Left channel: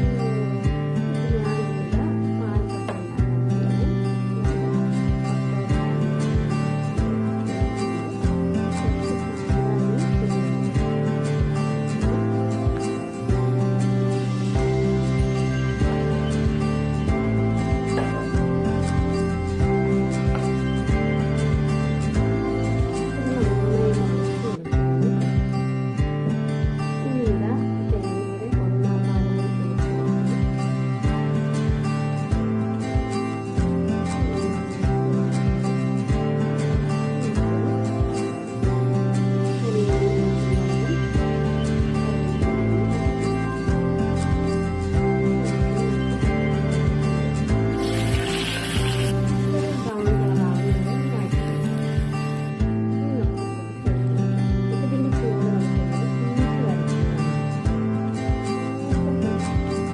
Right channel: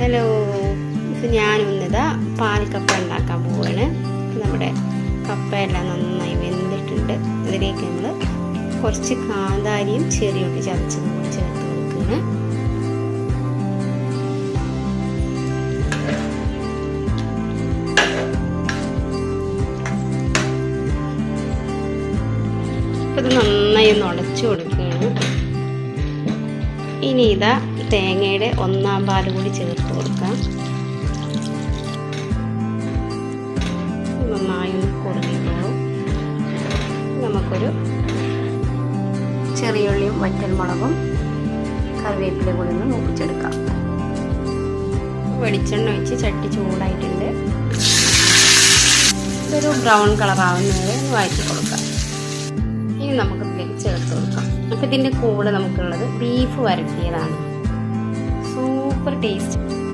Hello, ഇപ്പം ഞാനിന്നിതാ പാൽക്കപ്പ ഉണ്ടാക്കാൻ പോവാണ്. നമ്മുടെ കപ്പയെല്ലാം നന്നായി വെന്തിട്ടുണ്ട്. അതിലേക്ക് നമ്മൾ കുറച്ച് കാന്താരിയും ചെറിയുള്ളി ചതച്ച് ചേർത്ത് കൊടുക്കുകയാണ്. അപ്പം ഇത് നന്നായി ഒന്ന് ഉടച്ചു കൊടുക്കുകയാണ്. ഇനി ഇതാ തേങ്ങയുടെ 1/4 പാൽ കൂടി ചേർത്ത് കൊടുക്കാം. നന്നായി ഒന്ന് കുറുകിക്കോളും. നമുക്കൊരു ചെറിയുള്ളിയും വറ്റൽമുളകും കറിവേപ്പില കൂടി ഒന്ന് മൂപ്പിച്ചെടുക്കാം. വെളിച്ചെണ്ണ ഒഴിച്ച് ചട്ടി ചൂടായിട്ടുണ്ട്. ഇതൊരു ബ്രൗൺ കളർ ആവുന്നത് വഴറ്റി കൊടുക്കാം. ഇനി നമുക്ക് ഇതിലേക്ക് ചേർത്ത് കൊടുക്കാം. അപ്പം ഇതിൻ്റെ കൂടെ നമുക്കുള്ളത് ബീഫ് വരട്ടിയതാണ്. Super taste.